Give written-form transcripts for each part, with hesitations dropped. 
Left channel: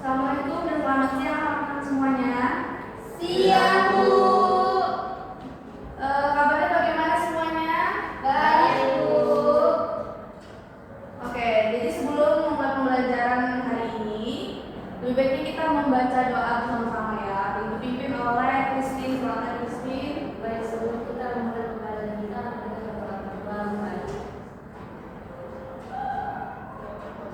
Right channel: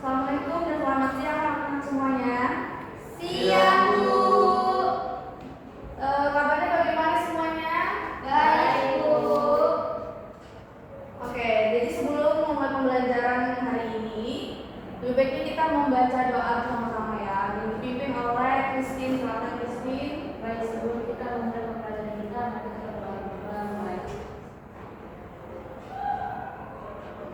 Assalamualaikum dan selamat siang teman-teman semuanya. Siang, Bu. Kabarnya bagaimana semuanya? Baik, Bu. Oke, jadi sebelum memulai pembelajaran hari ini, lebih baiknya kita membaca doa bersama-sama ya. Dipimpin oleh Christine. Silakan Christine. Baik, sebelum kita memulai pembelajaran kita, kita berdoa baik.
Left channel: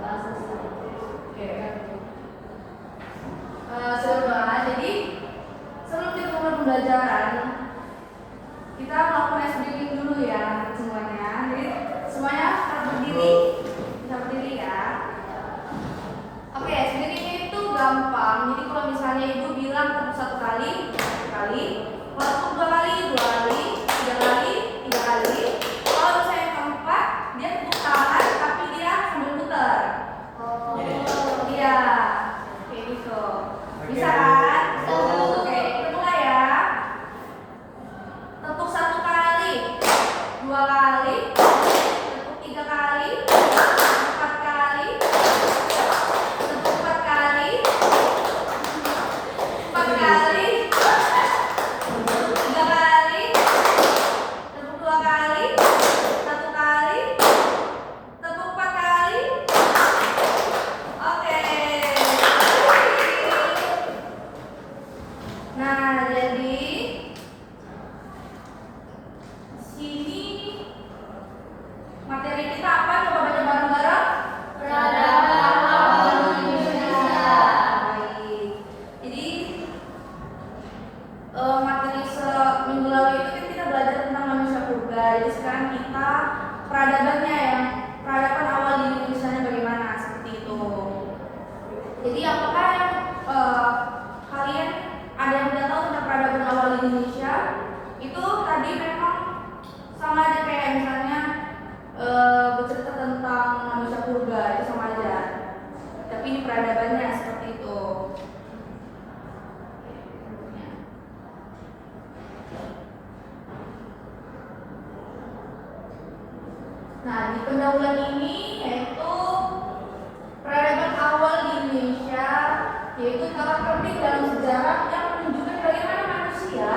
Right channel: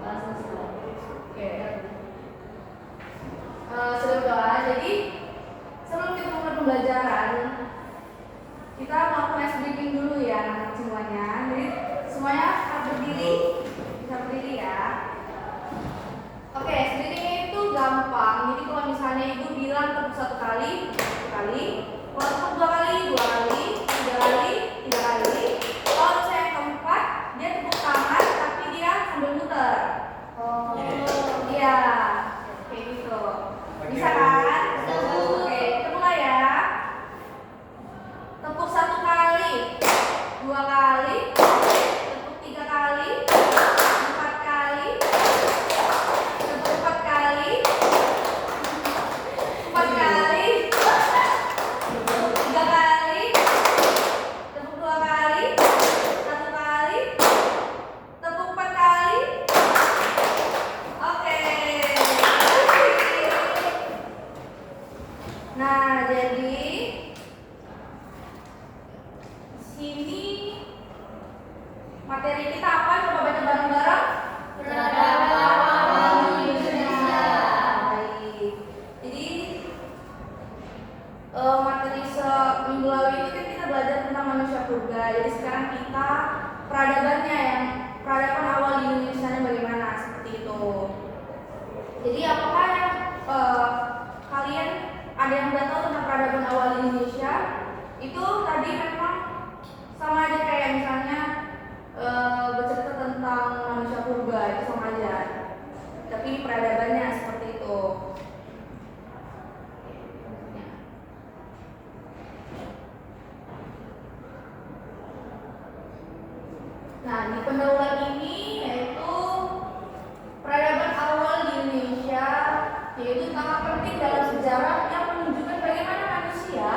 Doa selesai. Oke. Sudah berdoa. Jadi sebelum kita mulai pembelajaran, kita melakukan ice breathing dulu ya semuanya. Jadi semuanya harus berdiri, bisa berdiri ya. Oke, ice breathing itu gampang. Jadi kalau misalnya ibu bilang tepuk satu kali, kalau tepuk dua kali, tiga kali. Kalau saya keempat, dia tepuk tangan tapi dia sambil muter. Oh. Iya, kayak gitu. Bisa kan? Oke, kita mulai ya. Tepuk satu kali, dua kali, tepuk tiga kali, empat kali, tepuk empat kali, tepuk tiga kali, tepuk dua kali, satu kali, tepuk empat kali. Oke. Nah, jadi sini materi kita apa? Coba baca bareng-bareng. Peradaban awal Indonesia. Baik. Jadi materi seminggu lalu itu kan kita belajar tentang manusia purba. Jadi sekarang kita peradabannya yang peradaban awal di Indonesia bagaimana seperti itu. Jadi apakah yang kalian ada yang udah tahu tentang peradaban awal di Indonesia? Itu tadi memang sama aja kayak misalnya bercerita tentang manusia purba, itu sama aja. Tapi ini peradabannya seperti itu. Nah, di pendahuluan ini yaitu peradaban awal di Indonesia, yaitu sangat penting dalam sejarah yang menunjukkan bagaimana manusia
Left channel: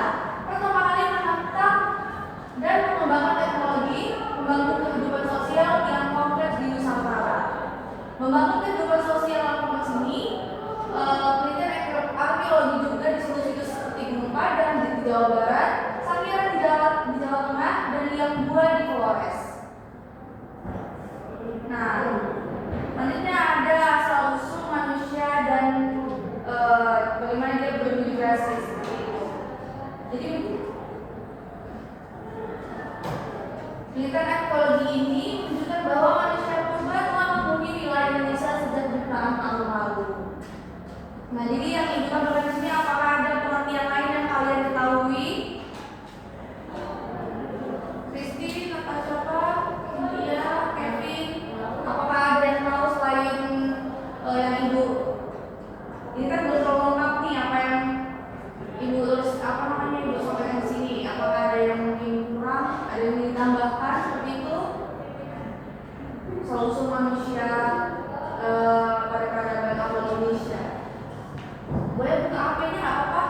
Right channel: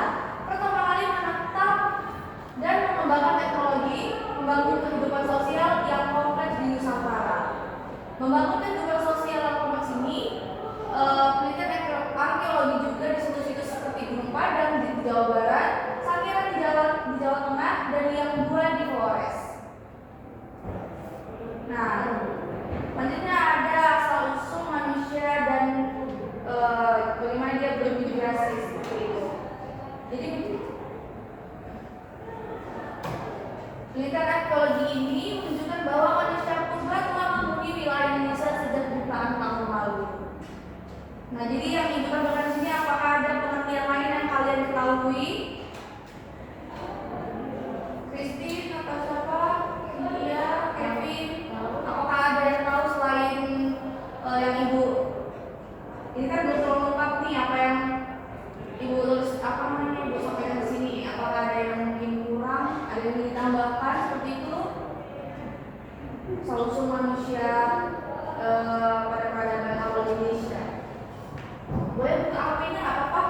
pertama kali menatap dan mengembangkan teknologi, membangun kehidupan sosial yang kompleks di Nusantara. Membangun kehidupan sosial yang kompleks ini, penelitian arkeologi juga di situs-situs seperti Gunung Padang di Jawa Barat, Sangiran di Jawa Tengah, dan Liang Bua di Flores. Nah, selanjutnya ada asal usul manusia dan bagaimana dia bermigrasi seperti itu. Jadi penelitian ekologi ini menunjukkan bahwa manusia purba telah menghuni wilayah Indonesia sejak jutaan tahun lalu. Nah, jadi yang dibutuhkan di sini apakah ada pengertian lain yang kalian ketahui? Kristi, apa siapa? India, Kevin, apakah ada yang tahu selain yang ibu? Ini kan belum terlalu lengkap nih apa yang ibu ibu sampaikan di sini. Apakah ada yang mungkin kurang, ada yang ditambahkan seperti itu? Asal-usul manusia pada peradaban awal Indonesia. Boleh buka HP-nya nggak apa-apa?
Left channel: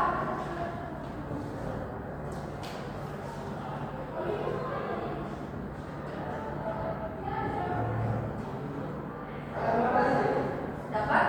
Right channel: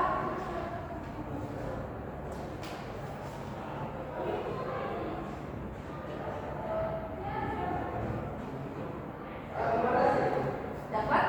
Dapat?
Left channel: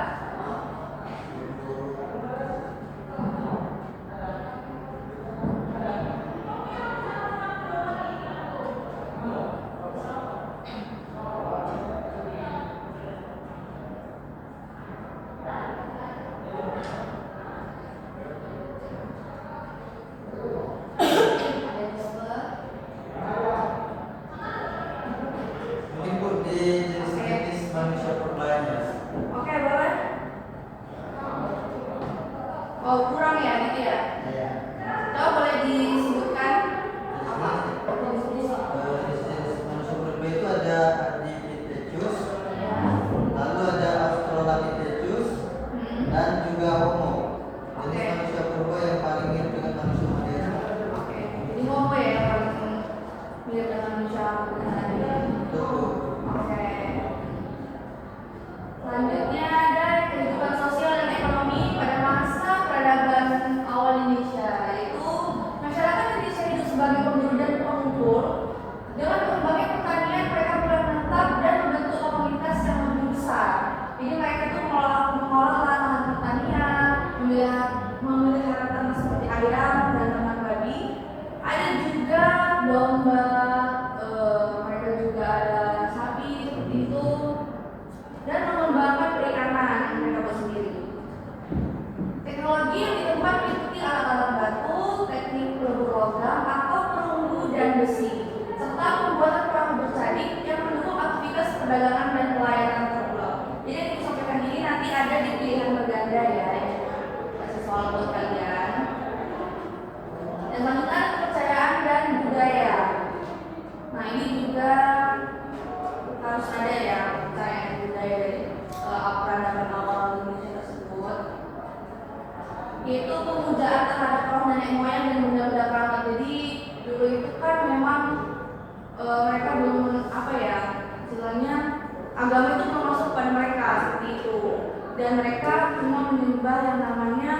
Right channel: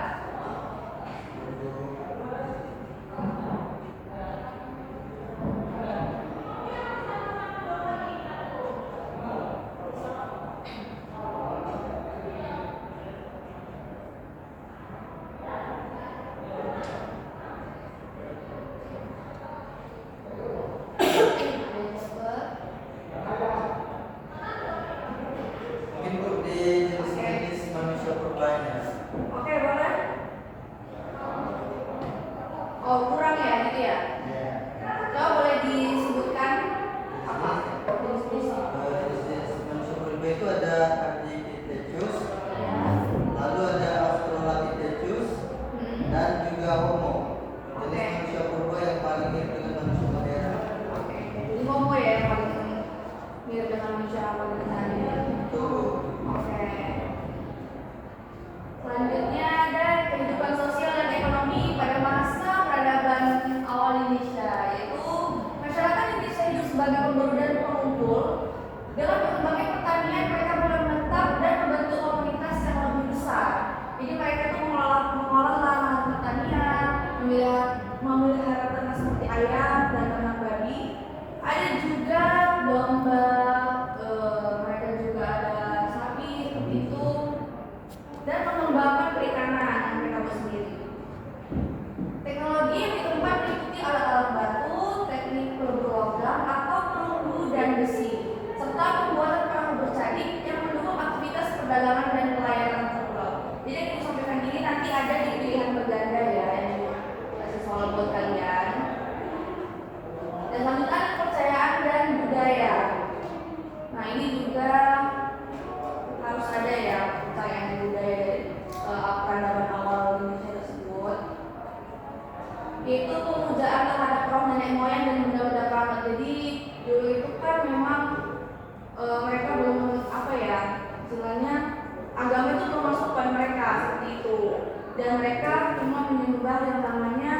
perdagangan dan pelayanan terpulau. Jadi yang disampaikan ini nanti ada di pilihan berganda ya, kasih soal buat kalian. Dan selanjutnya kepercayaan dan budaya. Nah ini juga harus ada ya kepercayaan dan budaya peradaban awal Indonesia tersebut, yaitu pemujaan terhadap roh nenek moyang dan benda-benda keramat. Jadi dulu itu kan memang mereka belum istilahnya agama itu belum masuk pada mereka seperti itu, dan mereka cuma menyembah yang namanya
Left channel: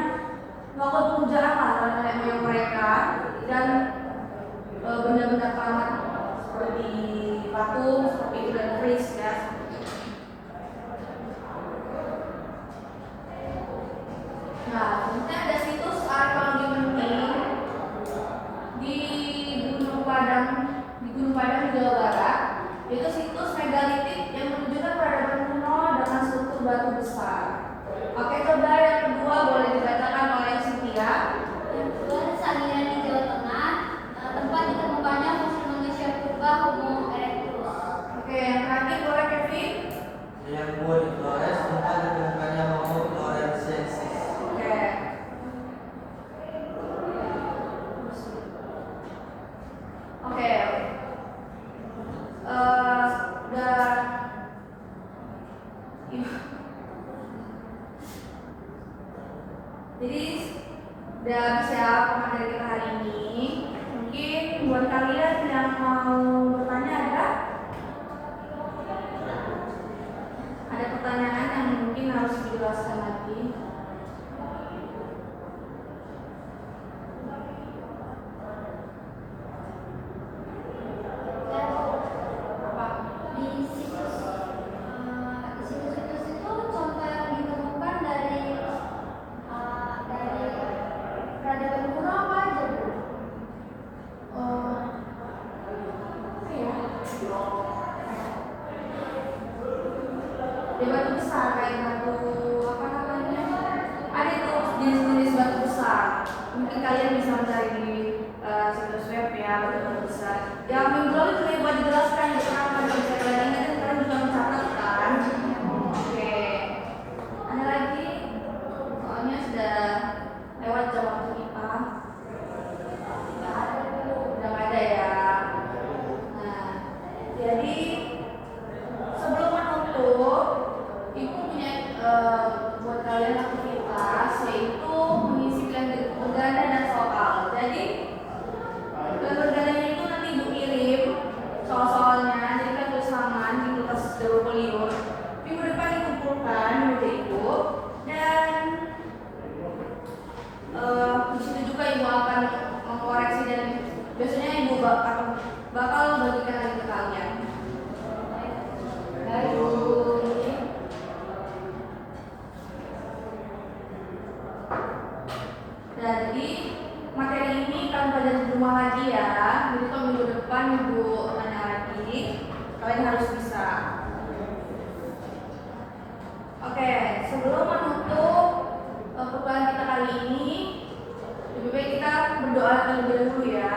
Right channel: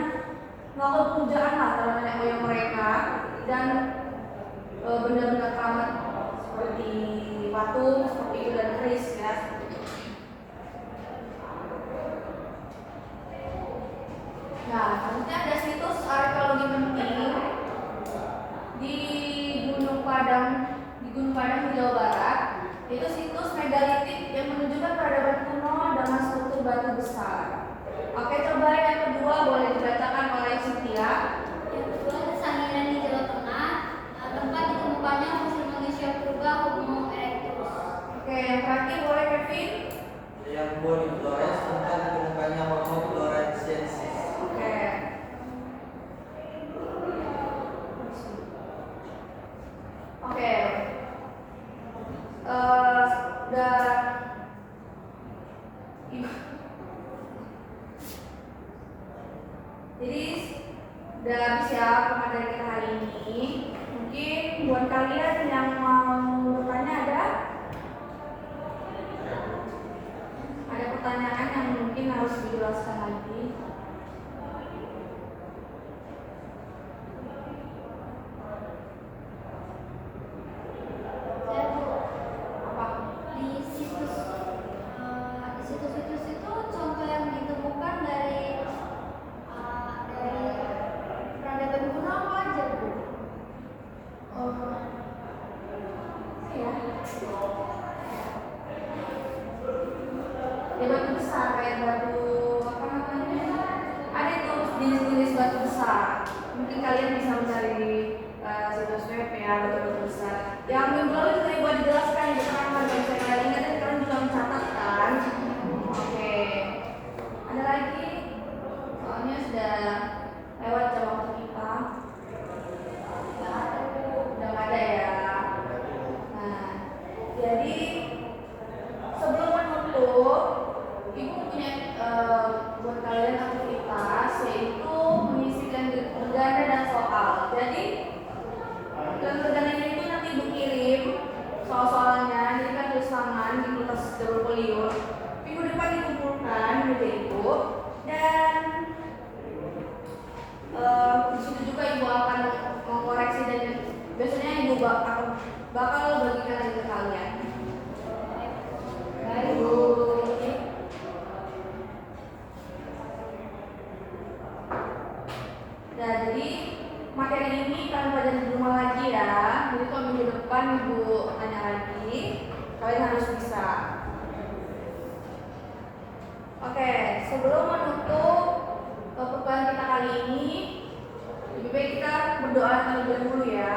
melakukan pemujaan lah terhadap nenek moyang mereka dan benda-benda keramat seperti patung seperti itu dan keris ya. Nah, selanjutnya ada situs arkeologi penting di Gunung Padang di Jawa Barat. Itu situs megalitik yang menunjukkan peradaban kuno dengan struktur batu besar. Oke, coba yang kedua boleh dibacakan oleh Cynthia. Yang kedua, Sangiran di Jawa Tengah, tempat ditemukannya fosil manusia purba Homo erectus. Oke, yang terakhir boleh Kevin. Yang kedua di Flores, tempat ditemukannya Homo floresiensis. Oke. Oke. Jadi udah habis ya materi kita hari ini. Mungkin buat kalian yang mau bertanya ada pertanyaan yang mungkin harus dijelaskan lagi. Di situs-situs itu contoh yang ditemukan dari peradaban kuno apa aja, Bu? Ya batu besar kayak batu apa namanya? Ada itu jenis-jenis batu besar. Mungkin kalian bisa mencari di situs web ya batu besar. Yang minggu lalu juga buat dijelaskan di kalau bisa kalian ingat kan kalian juga mencatat kan? Oke. Ada lagi? Soalnya sudah lewat jam waktu kita. Udah nggak ada ya. Nah, jadi sebelum menutup, Ibu punya buat kalian aktivitas yaitu mengisi berganda dan soal. Jadi bergandanya itu nanti Ibu kirim soal-soalnya, jadi kan tulis tangan di kertas double folio. Minggu depan dikumpulkan Ibu dan di situ juga Ibu akan mengkoreksi dan biasanya Ibu bakal bagikan lagi ke kalian. Baik. Jadi materi ini kalian pelajari di rumah lagi ya. Jadi kalau minggu depan Ibu tanya lagi, kalian harus bisa. Oke, sebelum menutup perkuliahan kita kali ini, lebih baik kita berdoa terlebih dahulu ya.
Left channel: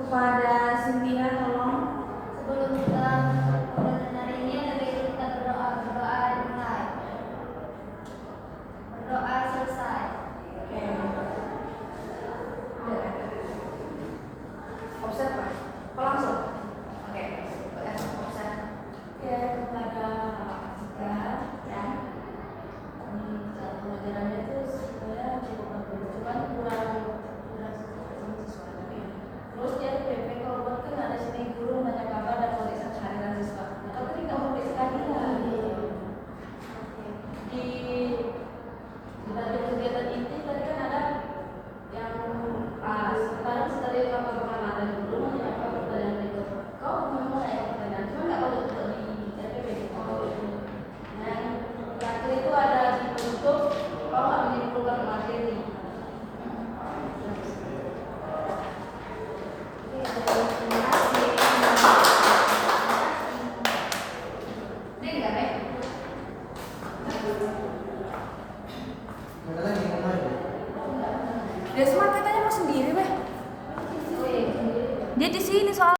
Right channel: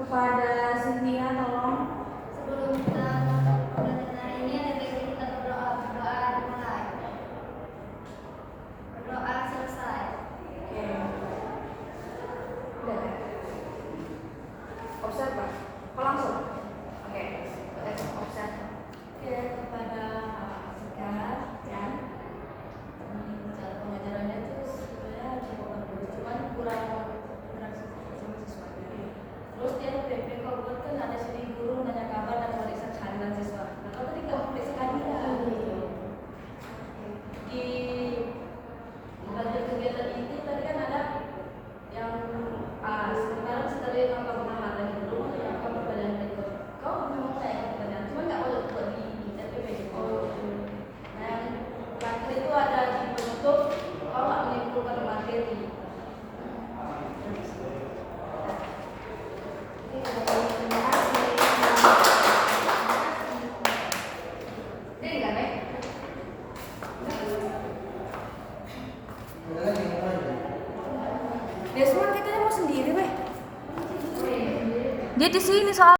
Kepada Cynthia, tolong. Sebelum kita belajar hari ini, ada baiknya kita berdoa dimulai. Berdoa selesai. Oke. Udah. Observe Pak. Kok langsung? Oke. Observe. Oke, kepada Jessica dan cara pengajarannya itu sebenarnya cukup bagus, cuman kurang sama siswanya. Terus dia PP kalau buat kan ada sini guru menanya kabar dan periksa kehadiran siswa. Nah, kalau tadi nggak periksa kehadiran. Di kegiatan inti tadi kan ada yang sementara setelah kakak pengamat dan guru menanyakan pertanyaan itu. Kau memang menanyakan pertanyaan, cuma nggak boleh buat di RPP. Nah, yang terakhir itu ada dibentuk kalau nggak menyimpulkan materi. Desmond katanya mau sendiri, Beh. Dia di sini soal